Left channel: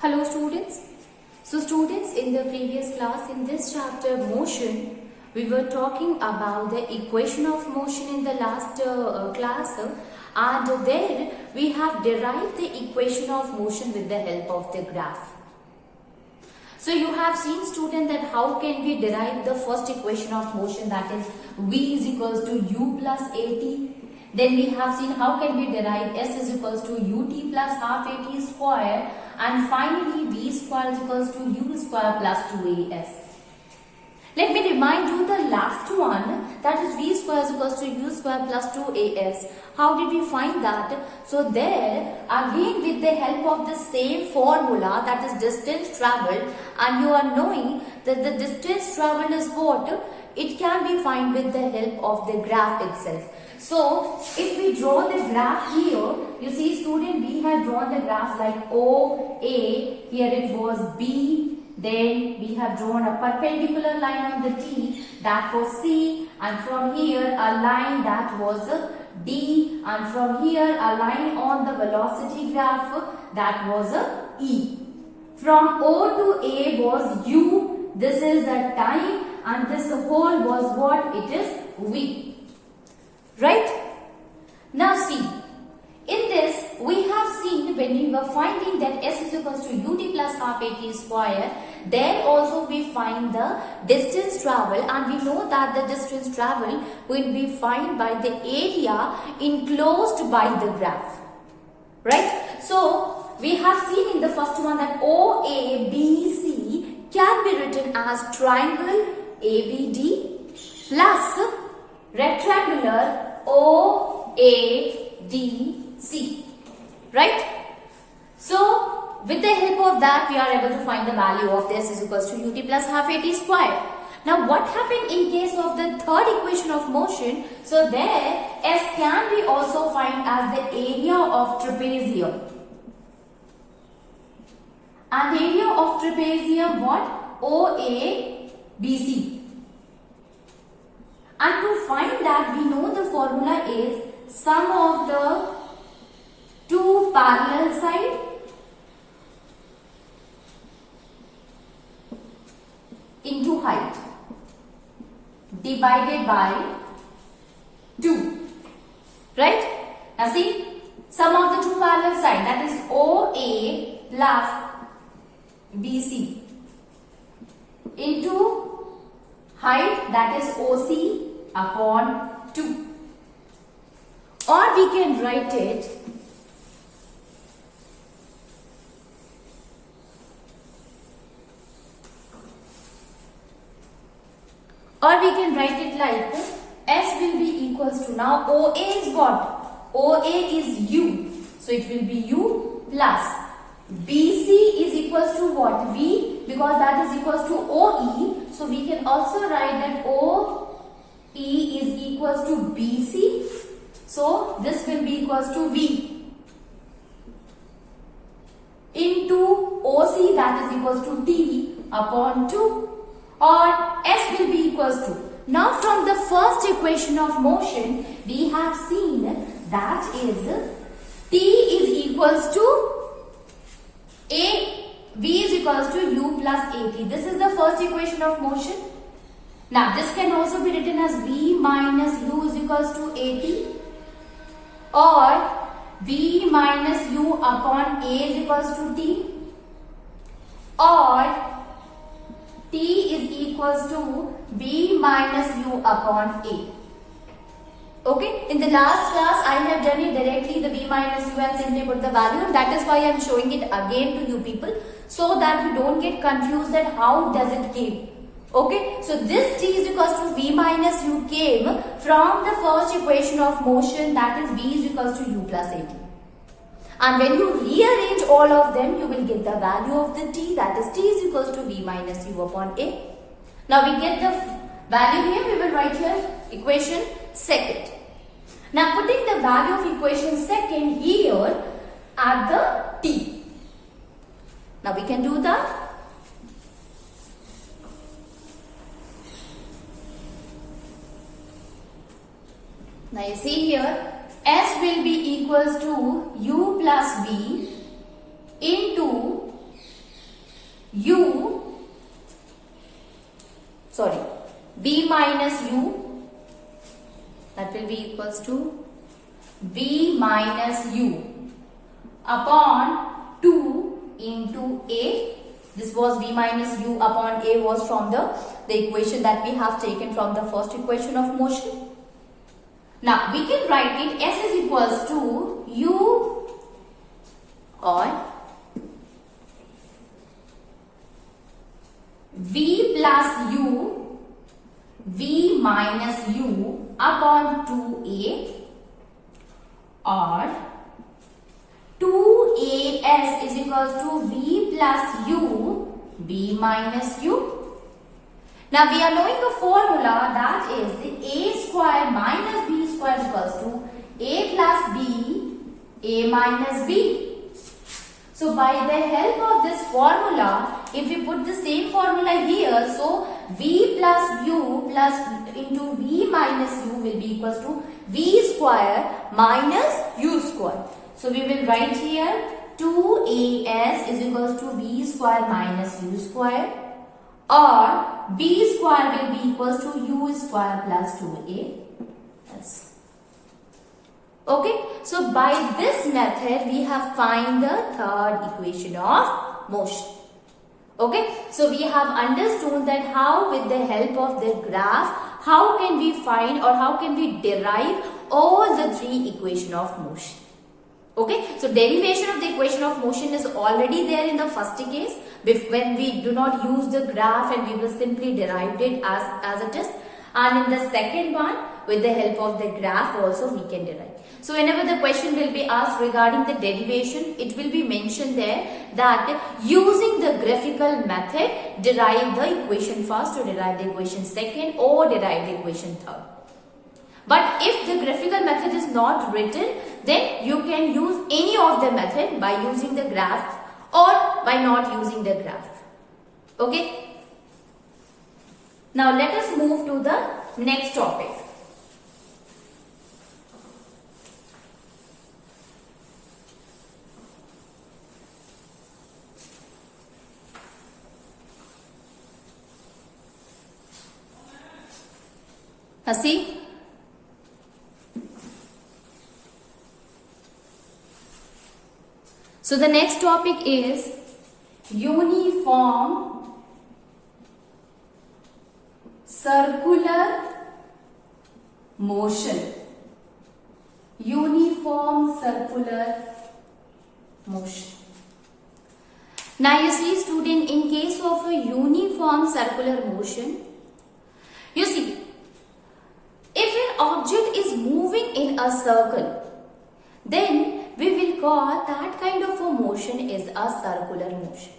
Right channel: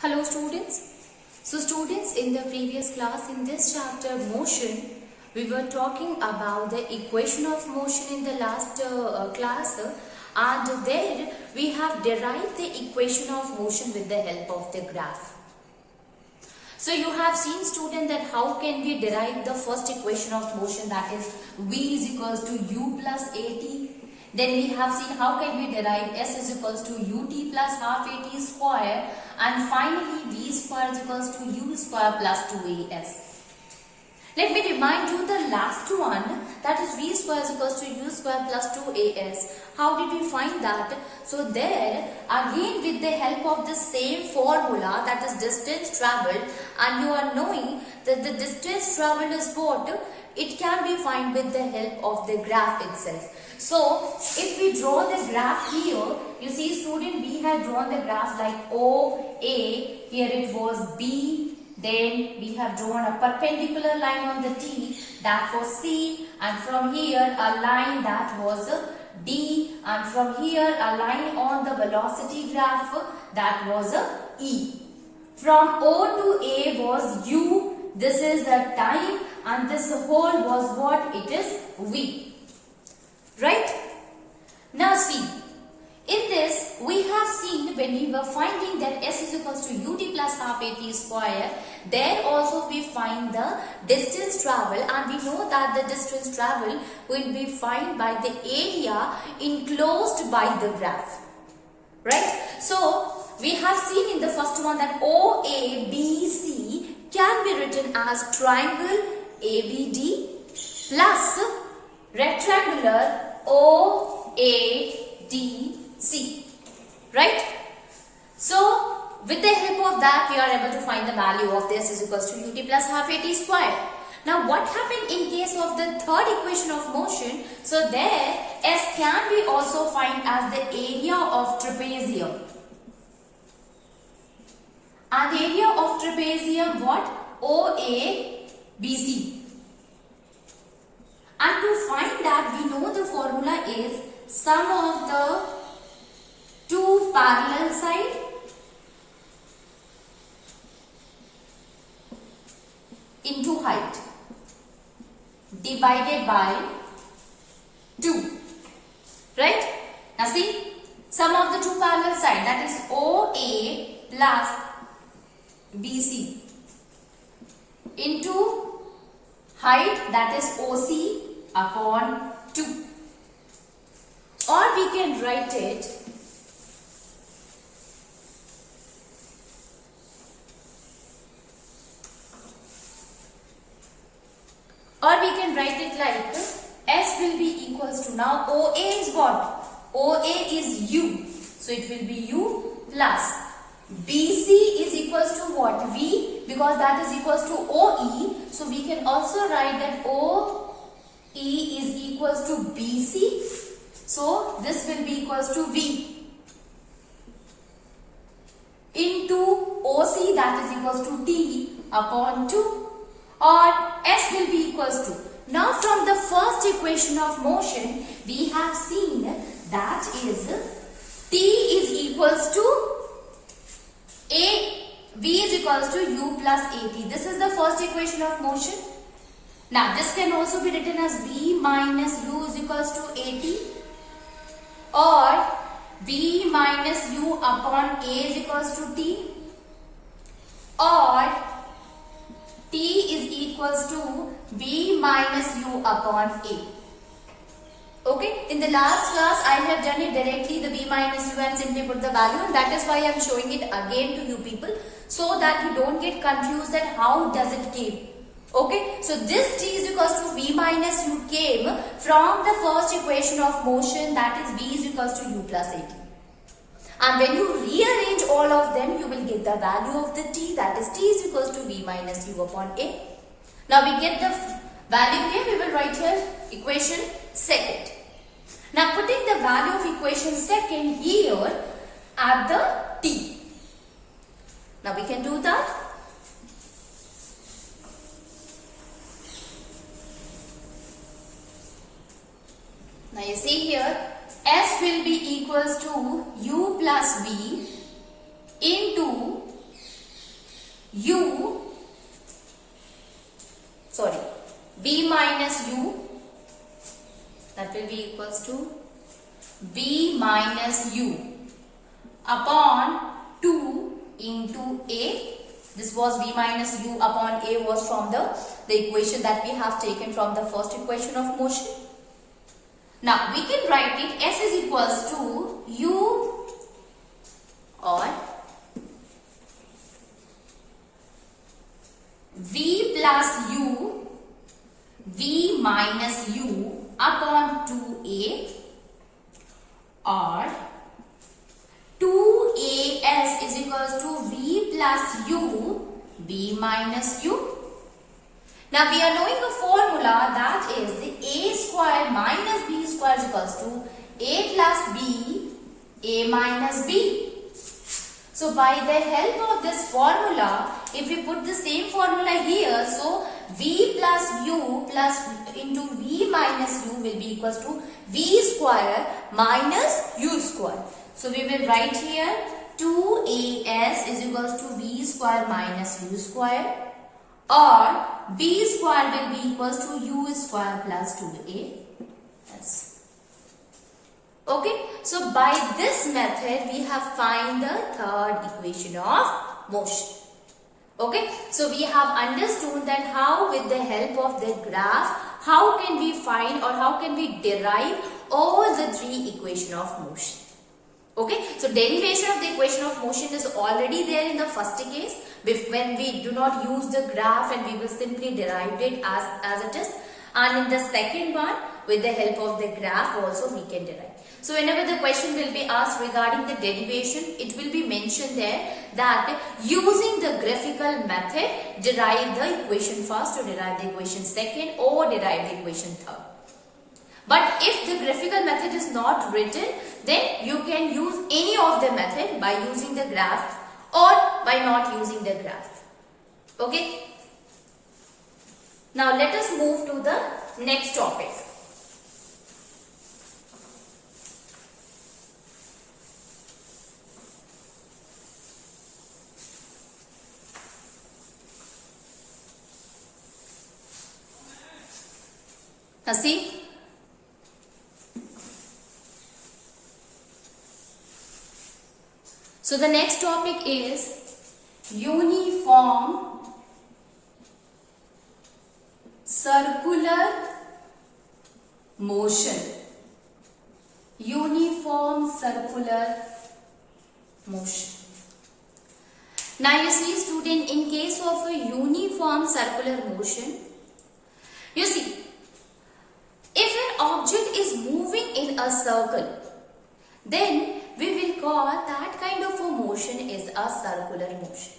Hello students. So students, in the previous class, in this chapter motion, we were talking about the equation of motion in the last class, and there we have derived the equation of motion with the help of the graph. So you have seen student that how can we derive the first equation of motion, that is v is equals to u plus at. Then we have seen how can we derive s is equals to ut plus half at square, and finally v square is equals to u square plus 2as. Let me remind you the last one, that is v square is equals to u square plus 2as. How did we find that? So there again with the help of the same formula, that is distance travelled, and you are knowing that the distance travelled is what? It can be found with the help of the graph itself. So if we draw the graph here, you see student, we have drawn the graph like OA, here it was B, then we have drawn a perpendicular line on the T, that was C, and from here a line that was D, and from here a line on the velocity graph, that was E. From O to A was U, this is the time, and this whole was what? It is V. Right? Now see, in this we have seen when we were finding that s is equals to ut plus half at square, there also we find the distance travel, and we know that the distance travel will be found by the area enclosed by the graph. Right? So we have seen in the first one that OABC can be written as triangle ABD plus rectangular OADC. Right? So with the help of that, we are able to find the value of this is equals to ut plus half at square. Now what happened in case of the third equation of motion? So there S can be also found as the area of trapezium. And the area of trapezium what? OABC. And to find that, we know the formula is sum of the two parallel sides into height divided by 2. Right? Now see, sum of the two parallel sides, that is OA plus BC into height, that is OC upon 2. Or we can write it like S will be equals to, now OA is what? OA is U. So it will be U plus BC is equals to what? V, because that is equals to OE. So we can also write that OE is equals to BC. So this will be equals to V into OC, that is equals to T upon 2, or S will be equals to. Now from the first equation of motion, we have seen that is T is equals to V is equals to U plus AP. This is the first equation of motion. Now this can also be written as V minus U is equals to AT, or V minus U upon A is equals to T, or T is equals to V minus U upon A. Okay, in the last class I have done it directly, the V minus U, and simply put the value, and that is why I am showing it again to you people, so that you don't get confused that how does it came. Okay, so this T is equals to V minus U came from the first equation of motion, that is V is equals to U plus AT. And when you rearrange all of them, you will get the value of the T, that is T is equals to V minus U upon A. Now we get the value here, we will write here equation second. Now putting the value of equation second here at the T. Now we can do that. Now you see here, S will be equals to U plus V into b minus u, that will be equals to b minus u upon 2 into a. This was b minus u upon a was from the equation that we have taken from the first equation of motion. Now we can write it s is equals to u or v plus u, v minus u upon 2a, or 2as is equals to v plus u, b minus u. Now we are knowing a formula, that is the a square minus b square is equals to a plus b, a minus b. So by the help of this formula, if we put the same formula here, so v plus u plus into v minus u will be equals to v square minus u square. So we will write here 2as is equals to v square minus u square, or b square will be equals to u square plus 2a. Yes. Okay, so by this method we have find the third equation of motion. Okay, so we have understood that how with the help of the graph, how can we find or how can we derive all the three equation of motion. Okay, so derivation of the equation of motion is already there in the first case when we do not use the graph and we will simply derive it as it is, and in the second one with the help of the graph also we can derive. So whenever the question will be asked regarding the derivation, it will be mentioned there that using the graphical method derive the equation first or derive the equation second or derive the equation third. But if the graphical method is not written, then you can use any of the method by using the graph or by not using the graph. Okay. Now let us move to the next topic. See. So the next topic is uniform circular motion. Uniform circular motion. Now you see student, in case of a uniform circular motion, you see, if an object is moving in a circle, then we will call that kind of a motion is a circular motion.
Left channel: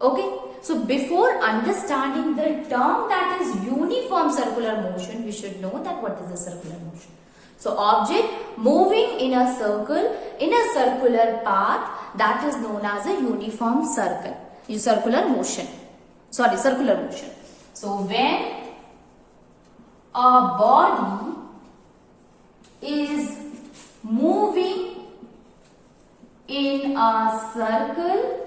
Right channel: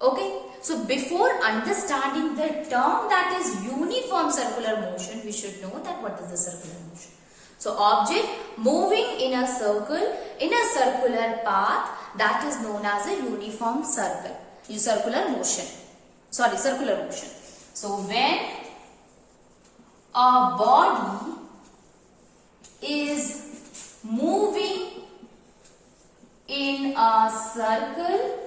Okay, so before understanding the term that is uniform circular motion, we should know that what is a circular motion. So object moving in a circle, in a circular path, that is known as a uniform circle, circular motion. So when a body is moving in a circle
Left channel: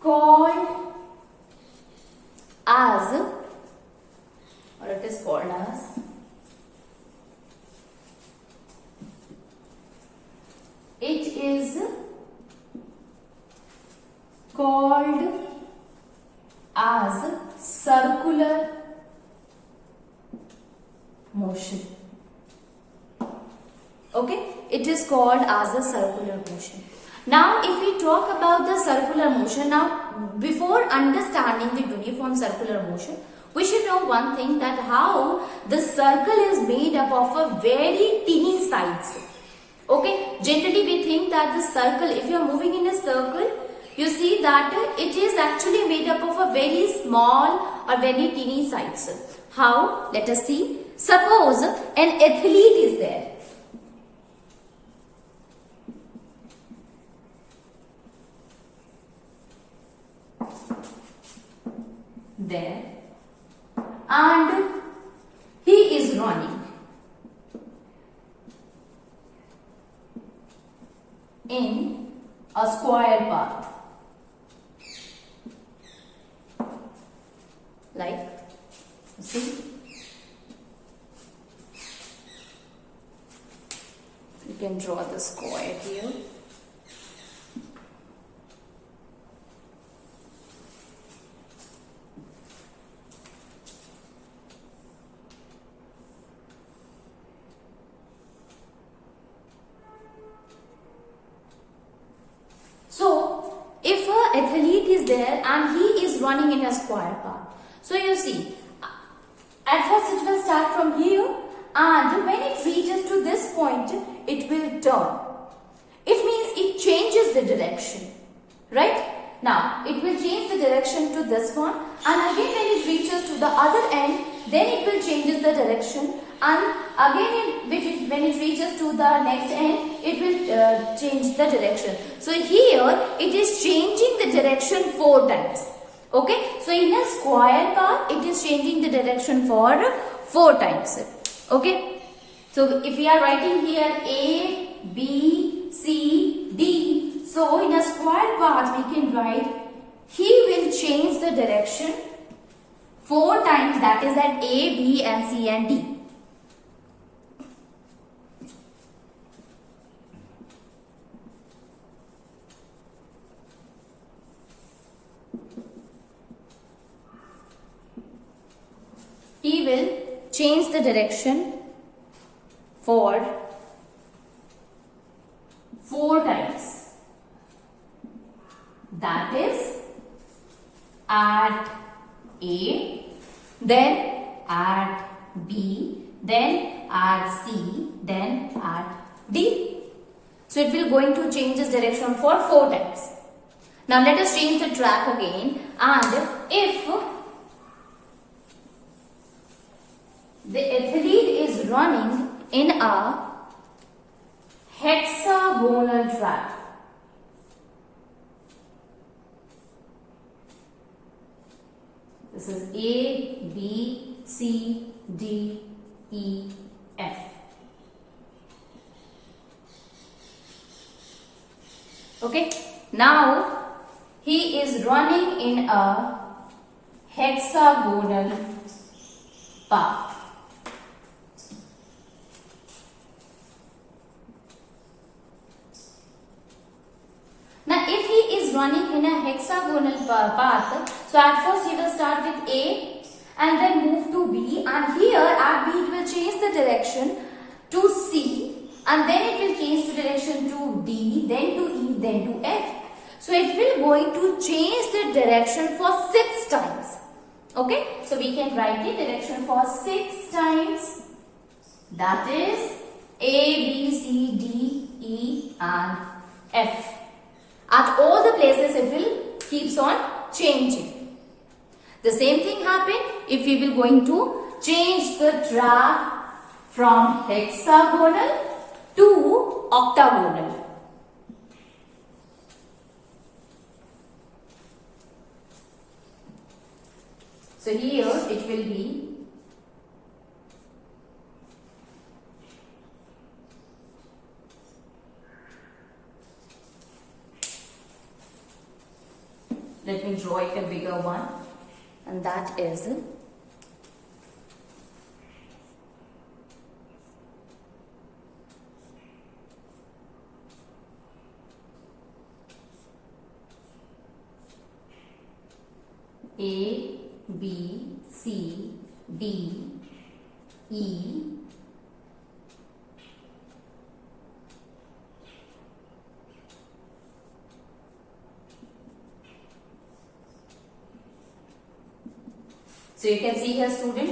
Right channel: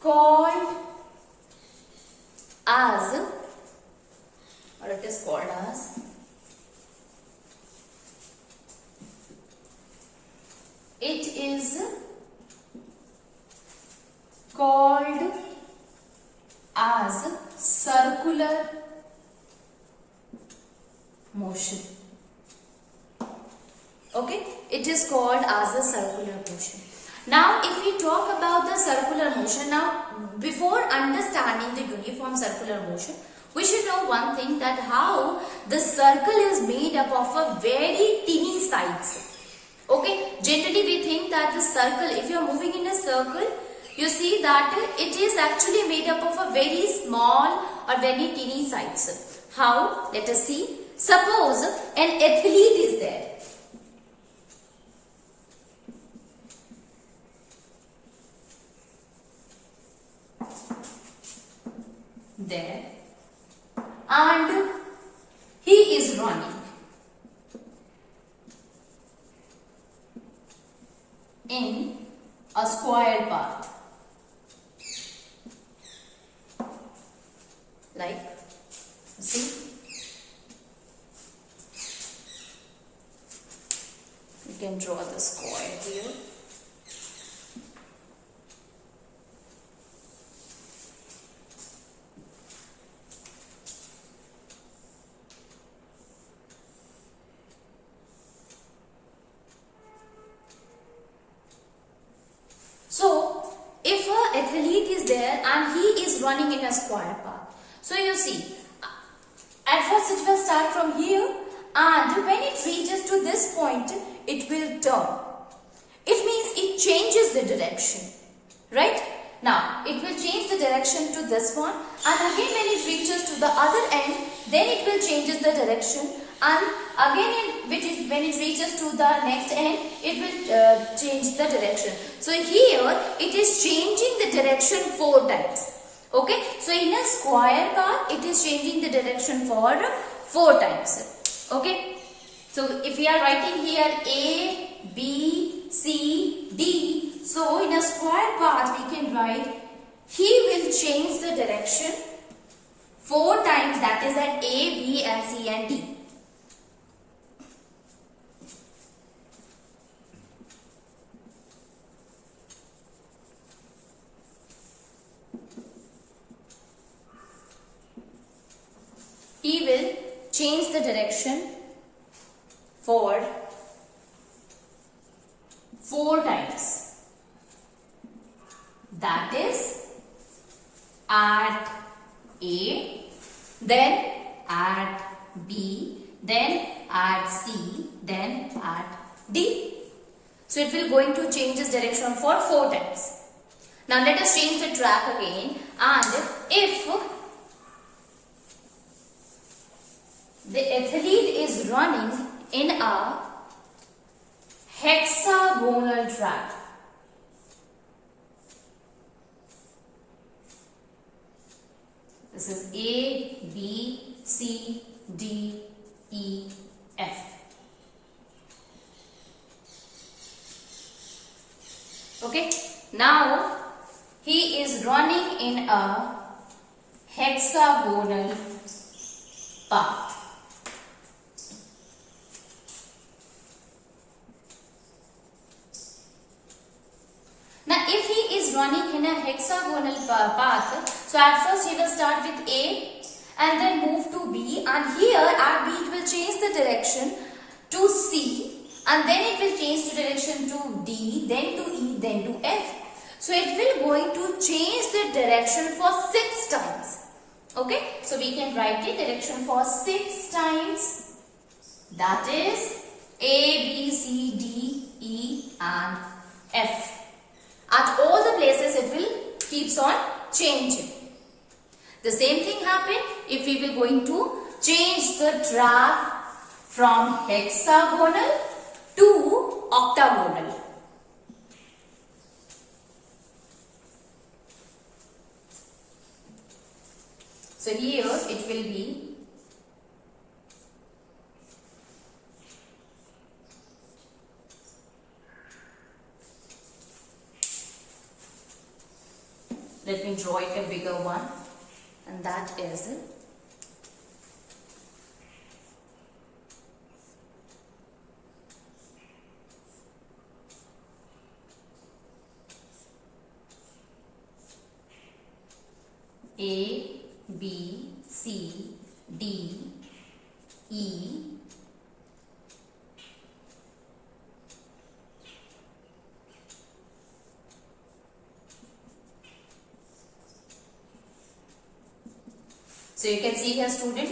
called as, or it is called as, it is called as circular motion. Okay, it is called as a circular motion. Now if we talk about the circular motion, now before understanding the uniform circular motion, we should know one thing, that how the circle is made up of a very teeny sides. Okay, generally we think that the circle, if you are moving in a circle, you see that it is actually made up of a very small or very teeny sides. How? Let us see. Suppose an athlete is there. And he is running in a square path, like See, you can draw the square here. So, if an athlete is there and he is running in a square path, so you see, at first it will start from here, and when it reaches to this point, it will turn. It means it changes the direction, right? Now, it will change the direction to this one, and again when it reaches to the other end, then it will changes the direction, and again when it reaches to the next end, it will change the direction. So here it is changing the direction 4 times. Okay, so in a square path, it is changing the direction for 4 times. Okay, so if we are writing here A, B, C, D, so in a square path we can write he will change the direction 4 times, that is at A, B and C and D. He will change the direction for 4 times. That is at A, then at B, then at C, then at D. So it will going to change its direction for 4 times. Now let us change the track again, and if the athlete is running in a hexagonal track, this is A, B, C, D, E, F. Okay, now he is running in a hexagonal path. Now if he is running in a hexagonal path, so at first he will start with A and then move to B, and here at B it will change the direction to C, and then it will change the direction to D, then to E, then to F. So it will going to change the direction for 6 times. Okay, so we can write the direction for 6 times, that is A, B, C, D, E and F. At all the places it will keeps on changing. The same thing happen if we will going to change the track from hexagonal to octagonal. So here it will be let me draw it a bigger one, and that is A, B, C, D, E, so you can see here, student,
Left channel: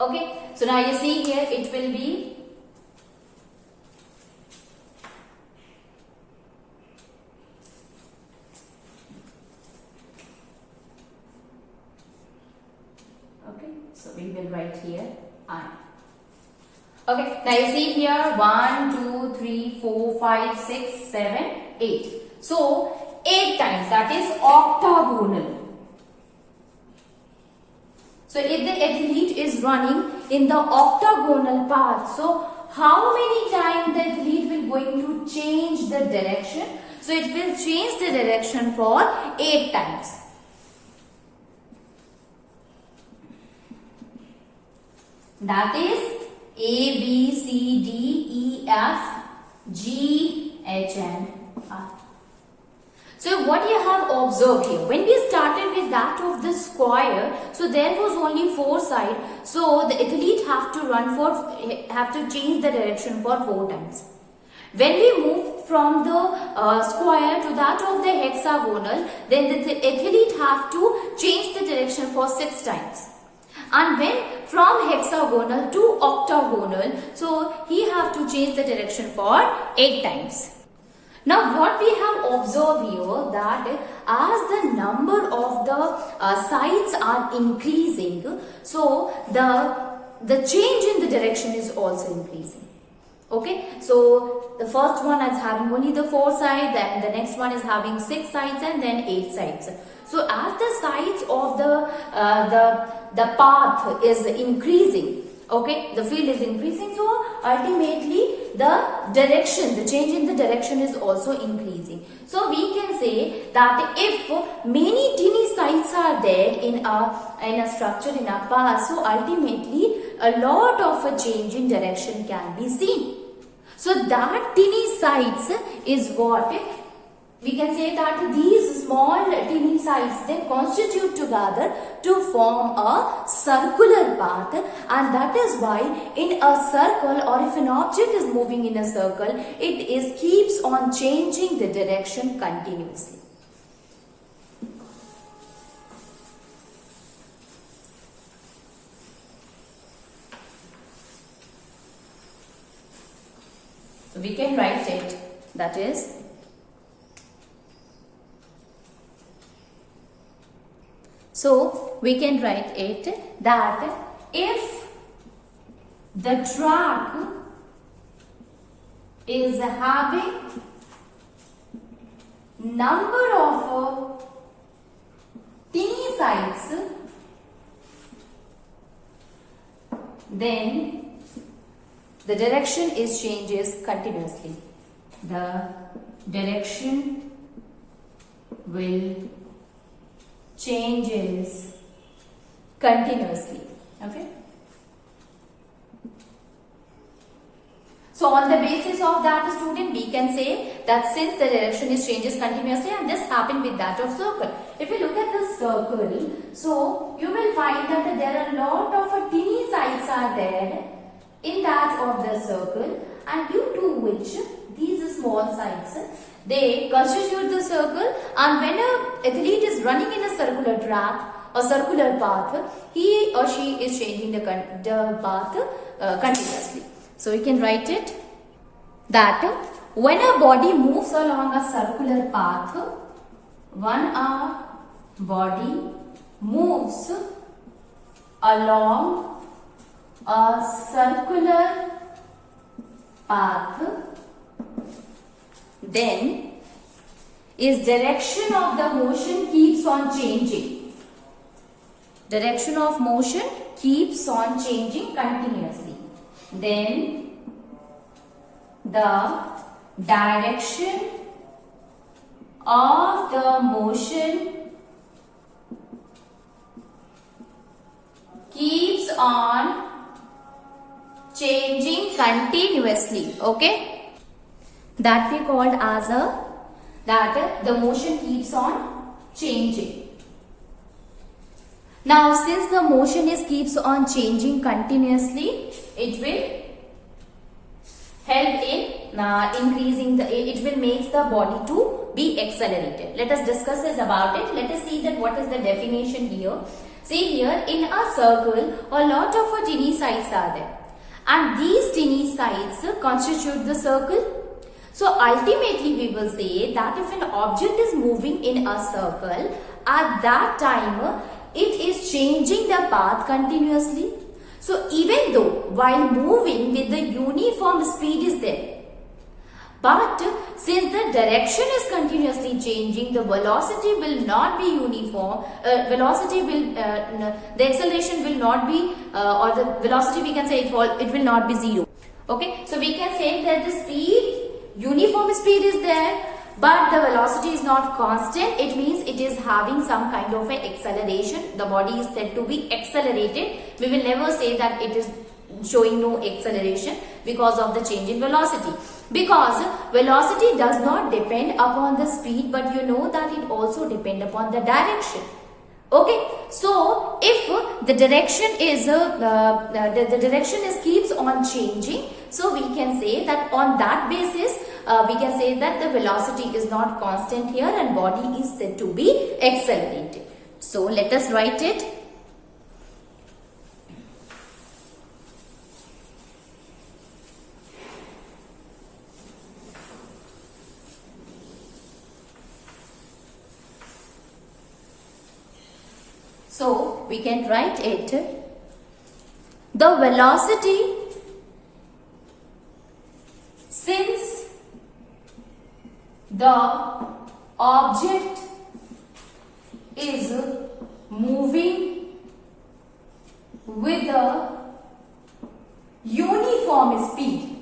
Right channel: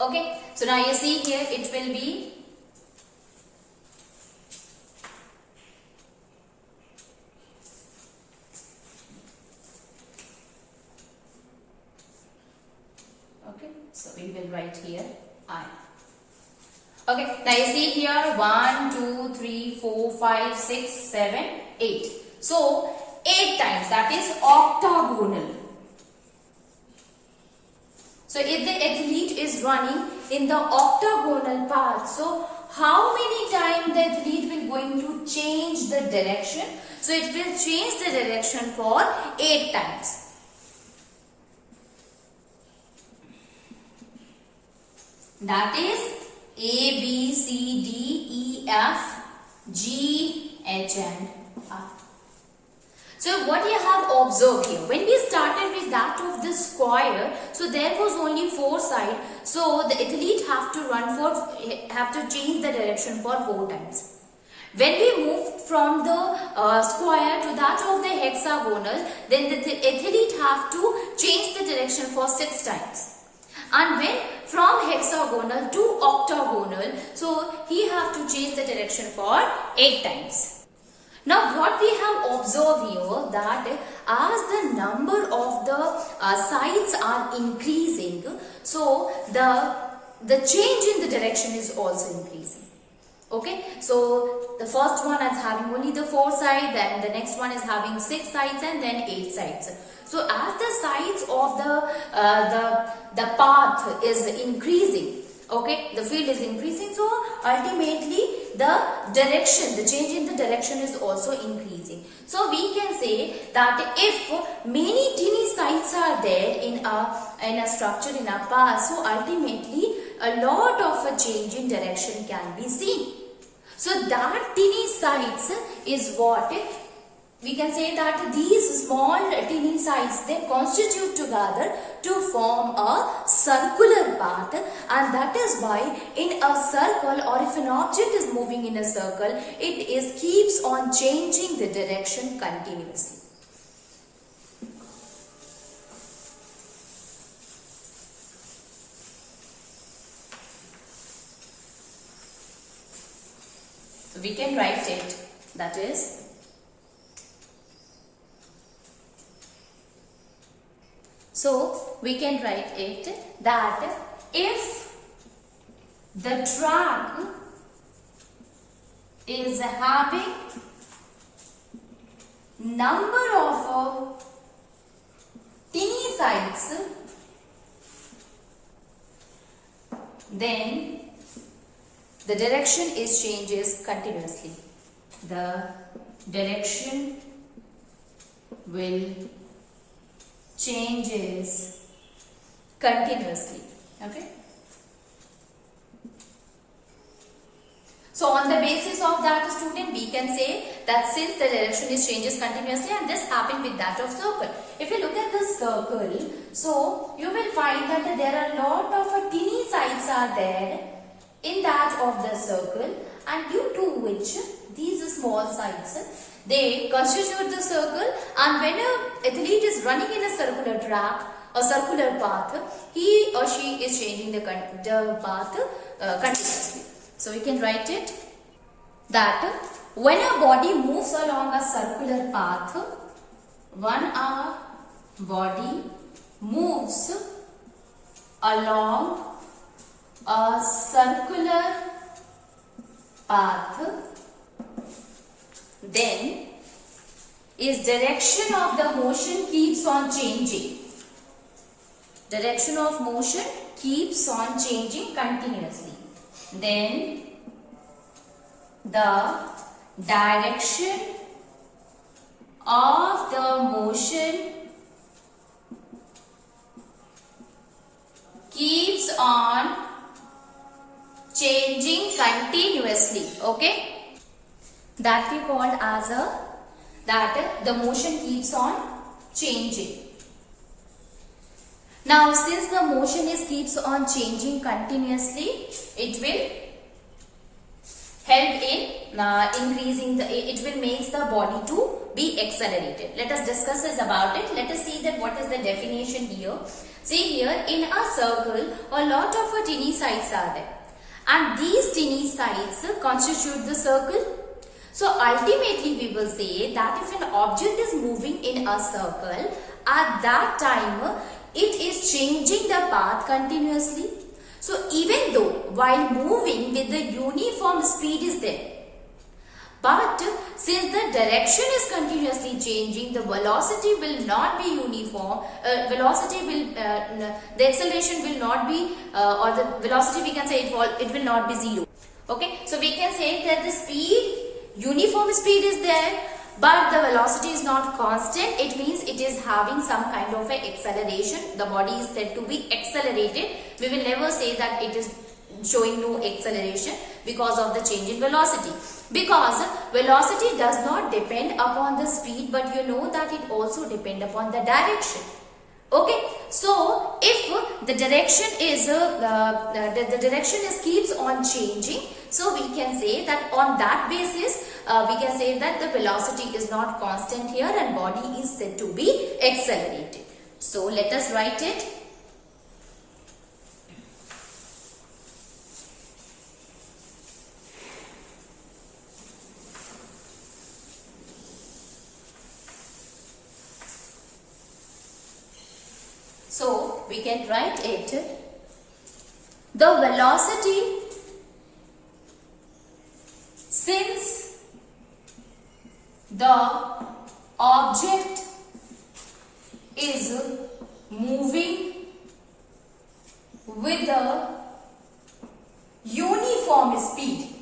okay, so now you see here it will be so we will write here I. Okay, now you see here 1, 2, 3, 4, 5, 6, 7, 8. So 8 times, that is octagonal. So if the athlete is running in the octagonal path, so how many times the athlete will going to change the direction? So it will change the direction for 8 times. That is A, B, C, D, E, F, G, H and I. So what you have observed here, when we started with that of the square, so there was only 4 sides. So the athlete have to change the direction for 4 times. When we moved from the square to that of the hexagonal, then the athlete have to change the direction for 6 times. And when from hexagonal to octagonal, so he have to change the direction for 8 times. Now what we have observed here, that as the number of the sides are increasing, so the change in the direction is also increasing. Okay, so the first one is having only the 4 sides, then the next one is having 6 sides and then 8 sides. So as the sides of the path is increasing, okay, the field is increasing, so ultimately the direction, the change in the direction is also increasing. So we can say that if many teeny sides are there in a structure, in a path, so ultimately a lot of a change in direction can be seen. So that teeny sides is what we can say, that these small teeny sides, they constitute together to form a circular path, and that is why in a circle, or if an object is moving in a circle, it keeps on changing the direction continuously. So we can write it, that is, so we can write it that if the track is having number of teeny sides, then the direction changes continuously. The direction will changes continuously. Okay. So on the basis of that, student, we can say that since the direction changes continuously, and this happened with that of circle. If you look at the circle, so you will find that there are a lot of teeny sides are there in that of the circle, and due to which these small sides, they constitute the circle, and when an athlete is running in a circular track, a circular path, he or she is changing the path continuously. So we can write it that when a body moves along a circular path, when a body moves along a circular path, then its direction of the motion keeps on changing. Direction of motion keeps on changing continuously. Then the direction of the motion keeps on changing continuously. Okay, that we called as that the motion keeps on changing. Now since the motion keeps on changing continuously, it will help in increasing it will make the body to be accelerated. Let us discuss this about it. Let us see that what is the definition here. See here, in a circle, a lot of teeny sides are there, and these teeny sides constitute the circle. So ultimately we will say that if an object is moving in a circle, at that time it is changing the path continuously. So even though while moving with the uniform speed is there, but since the direction is continuously changing, the velocity will not be uniform. The acceleration will not be, or the velocity we can say it will not be zero. Okay, so we can say that the speed, uniform speed is there, but the velocity is not constant. It means it is having some kind of a acceleration. The body is said to be accelerated. We will never say that it is showing no acceleration because of the change in velocity. Because velocity does not depend upon the speed, but you know that it also depends upon the direction. Okay, so if the direction is the direction is keeps on changing, so we can say that on that basis we can say that the velocity is not constant here and body is said to be accelerated. So let us write it. So we can write it, the velocity, since the object is moving with a uniform speed.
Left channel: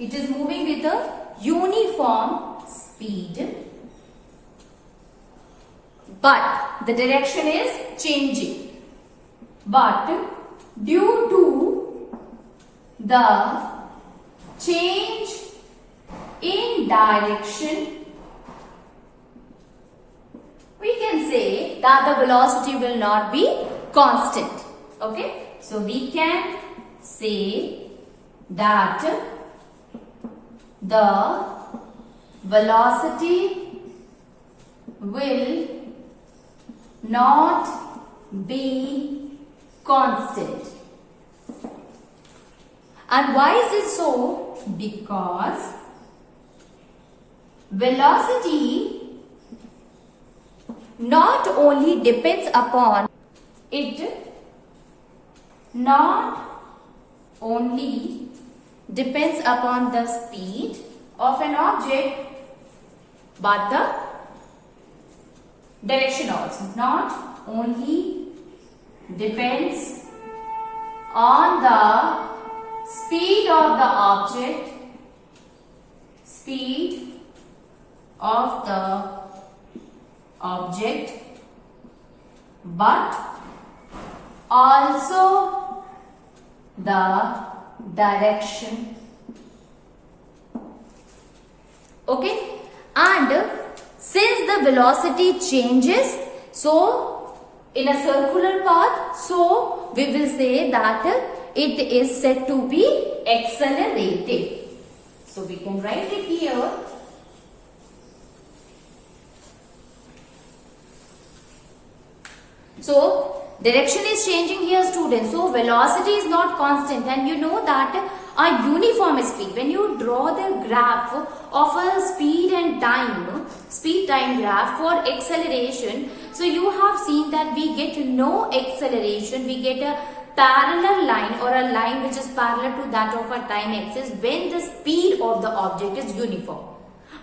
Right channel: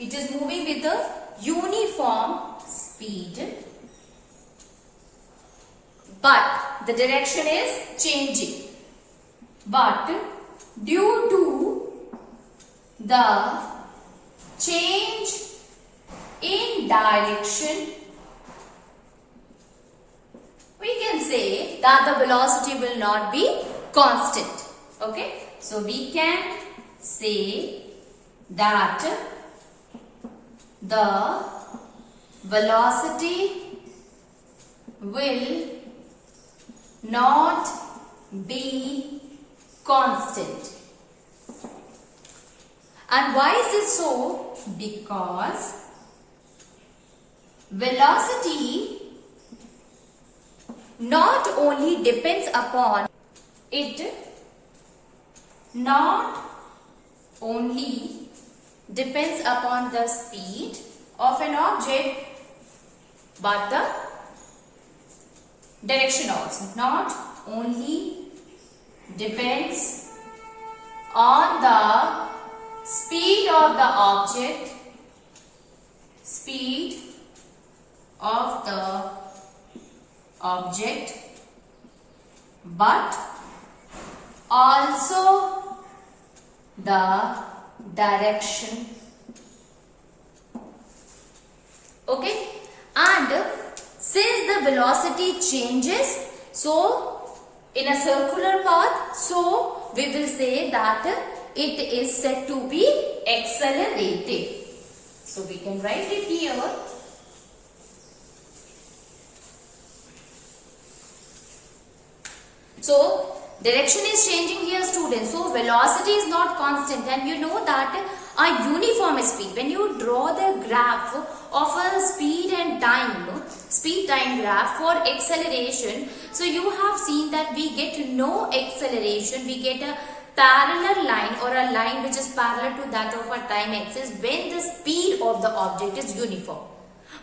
It is moving with a uniform speed, but the direction is changing. But due to the change in direction, we can say that the velocity will not be constant. Okay, so we can say that the velocity will not be constant. And why is it so? Because velocity not only depends upon the speed of an object, but the direction also. Not only depends on the speed of the object, but also the direction. Okay, and since the velocity changes, so in a circular path, so we will say that it is said to be accelerated. So we can write it here. So direction is changing here, students. So velocity is not constant, and you know that a uniform speed, when you draw the graph of a speed time graph for acceleration, so you have seen that we get no acceleration, we get a parallel line or a line which is parallel to that of a time axis when the speed of the object is uniform.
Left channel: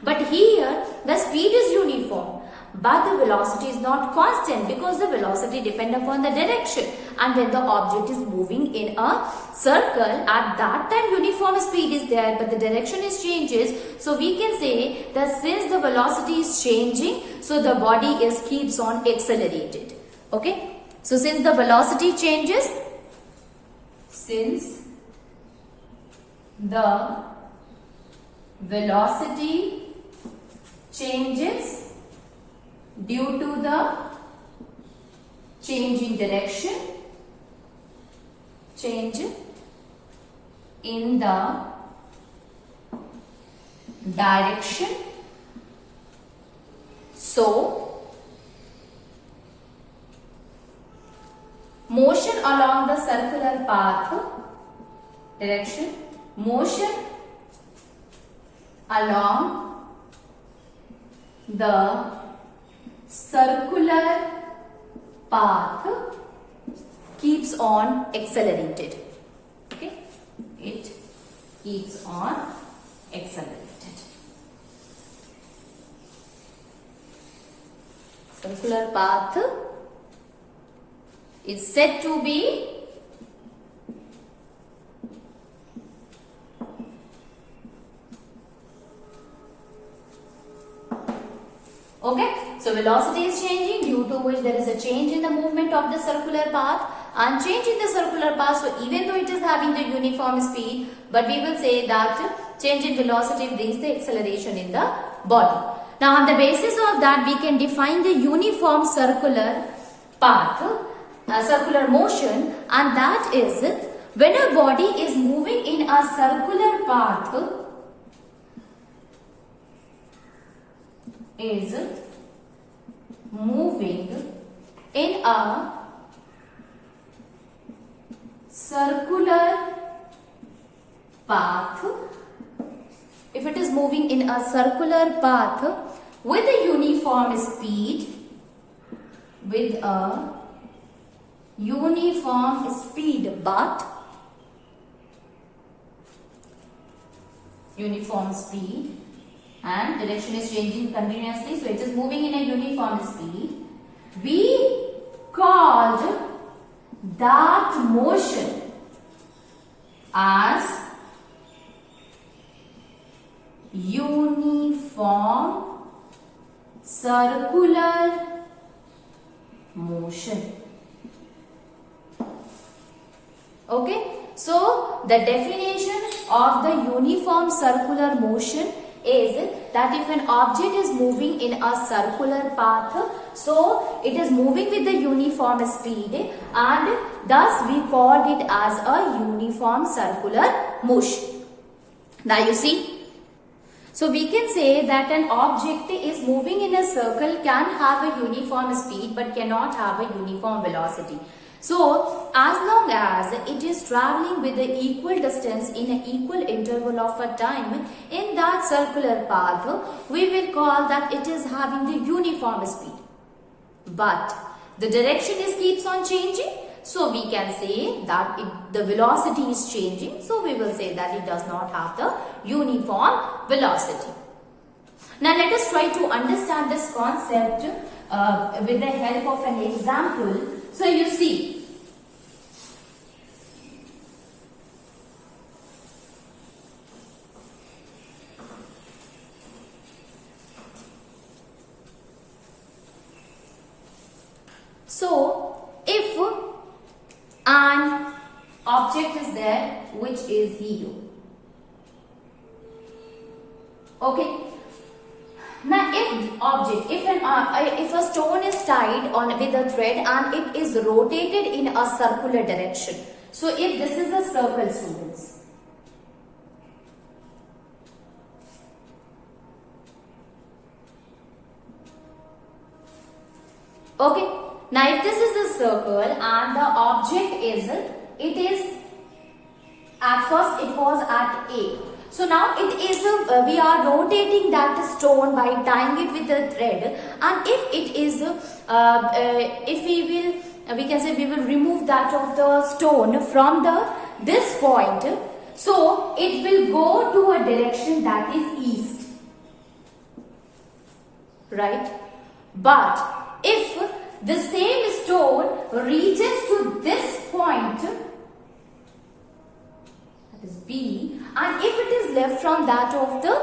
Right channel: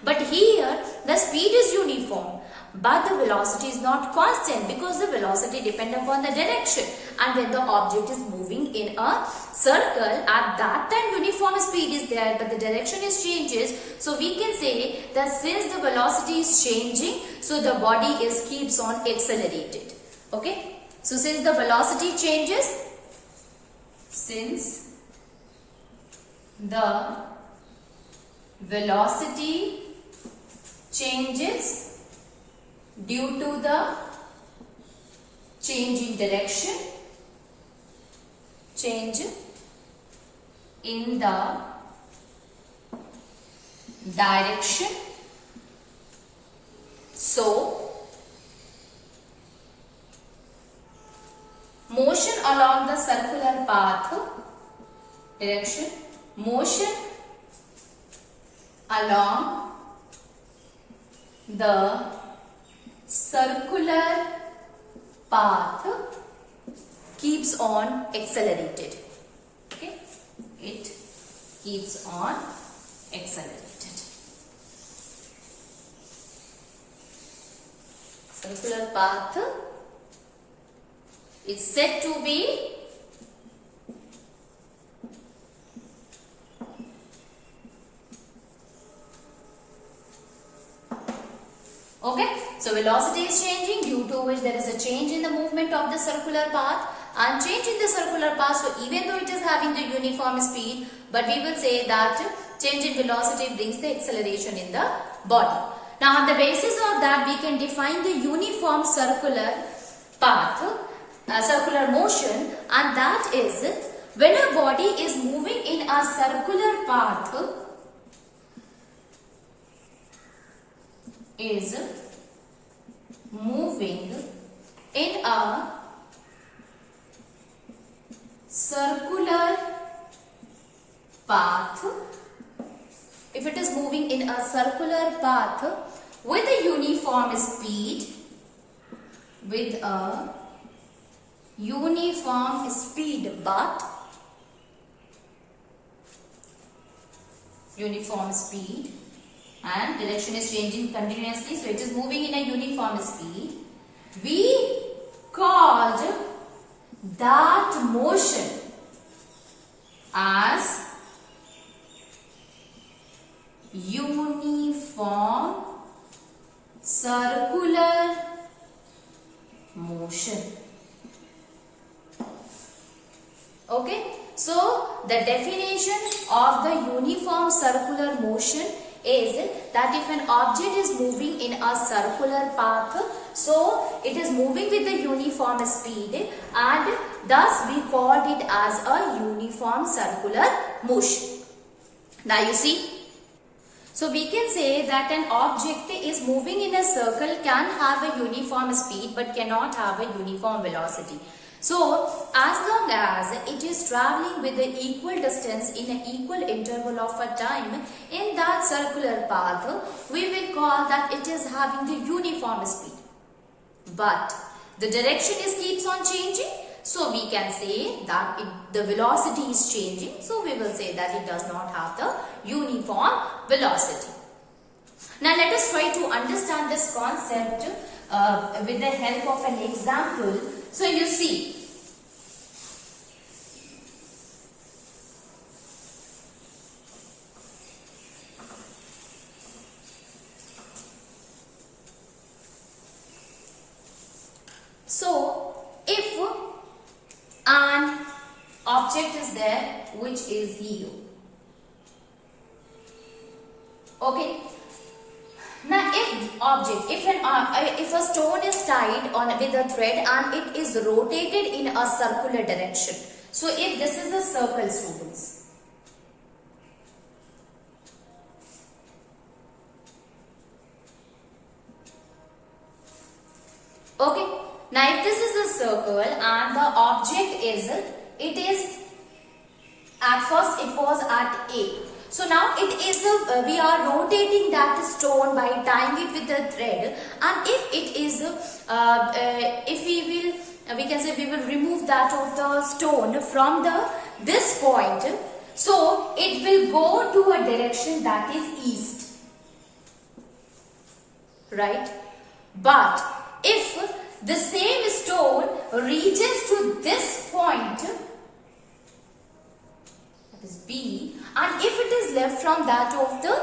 But here the speed is uniform, but the velocity is not constant because the velocity depends upon the direction, and when the object is moving in a circle, at that time uniform speed is there, but the direction is changes. So we can say that since the velocity is changing, so the body keeps on accelerated. Okay, so since the velocity changes, since the velocity changes due to the change in direction, change in the direction, so motion along the circular path, direction, motion along the circular path keeps on accelerated. Okay, it keeps on accelerated. Circular path is said to be Okay, so velocity is changing, due to which there is a change in the movement of the circular path, and change in the circular path. So even though it is having the uniform speed, but we will say that change in velocity brings the acceleration in the body. Now on the basis of that, we can define the uniform circular path, circular motion, and that is when a body is moving in a circular path, is moving in a circular path, if it is moving in a circular path with a uniform speed, with a uniform speed, but uniform speed, and direction is changing continuously, so it is moving in a uniform speed, we called that motion as uniform circular motion. Okay, so the definition of the uniform circular motion is that if an object is moving in a circular path, so it is moving with the uniform speed, and thus we called it as a uniform circular motion. Now you see, so we can say that an object is moving in a circle can have a uniform speed but cannot have a uniform velocity. So, as long as it is traveling with the equal distance in an equal interval of a time in that circular path, we will call that it is having the uniform speed. But the direction keeps on changing, so we can say that the velocity is changing, so we will say that it does not have the uniform velocity. Now let us try to understand this concept with the help of an example. So you see, so if an object is there which is here, okay. Now if a stone is tied on with a thread and it is rotated in a circular direction. So if this is a circle, students, okay. Now if this is the circle and the object is, it is, at first it was at A. So now it is we are rotating that stone by tying it with the thread, and if it is if we can say we will remove that of the stone from this point, so it will go to a direction that is east, right? But if the same stone reaches to this point, that is B, and if it is left from that of the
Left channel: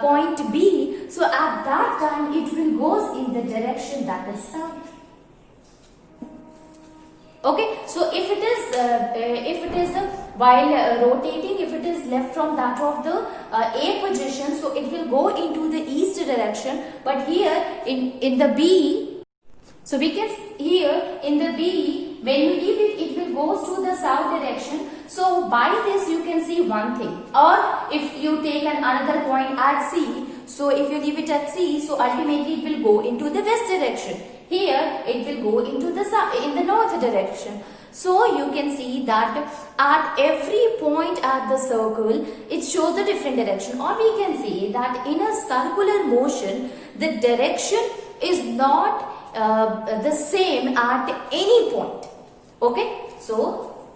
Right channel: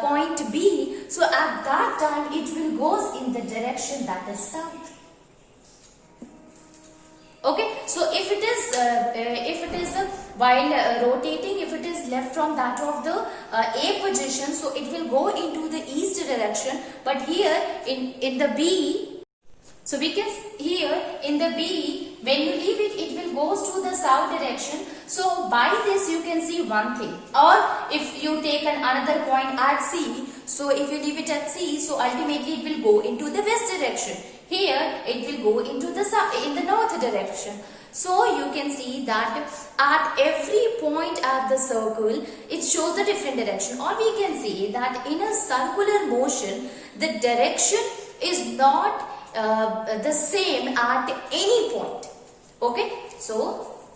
point B, so at that time it will goes in the direction that is south. Okay, so if it is while rotating, if it is left from that of the A position, so it will go into the east direction. But here in the B, so we can here in the B, when you leave it, it will goes to the south direction. So by this you can see one thing. Or if you take another point at C, so if you leave it at C, so ultimately it will go into the west direction. Here it will go into the south, in the north direction. So you can see that at every point at the circle, it shows a different direction. Or we can say that in a circular motion, the direction is not the same at any point. Okay, so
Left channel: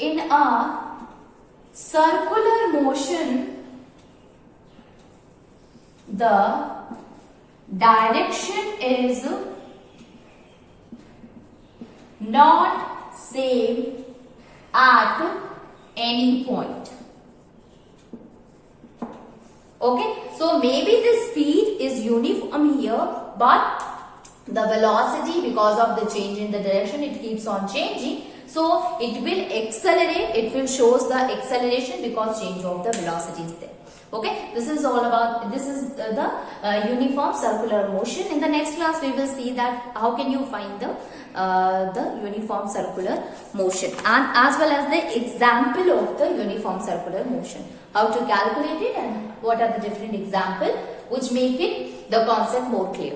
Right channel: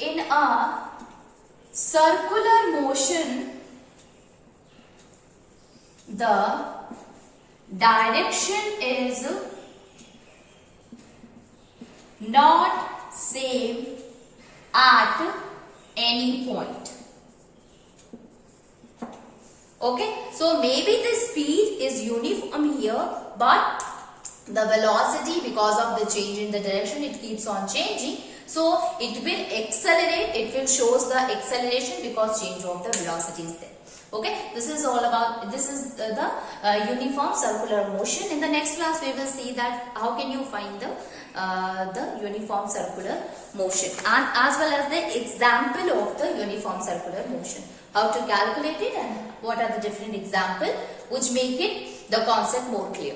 in a circular motion, the direction is not same at any point. Okay, so maybe the speed is uniform here, but the velocity, because of the change in the direction, it keeps on changing. So it will accelerate, it will shows the acceleration because change of the velocity is there. Okay, this is all about, this is the uniform circular motion. In the next class we will see that how can you find the uniform circular motion, and as well as the example of the uniform circular motion, how to calculate it and what are the different examples which make it the concept more clear.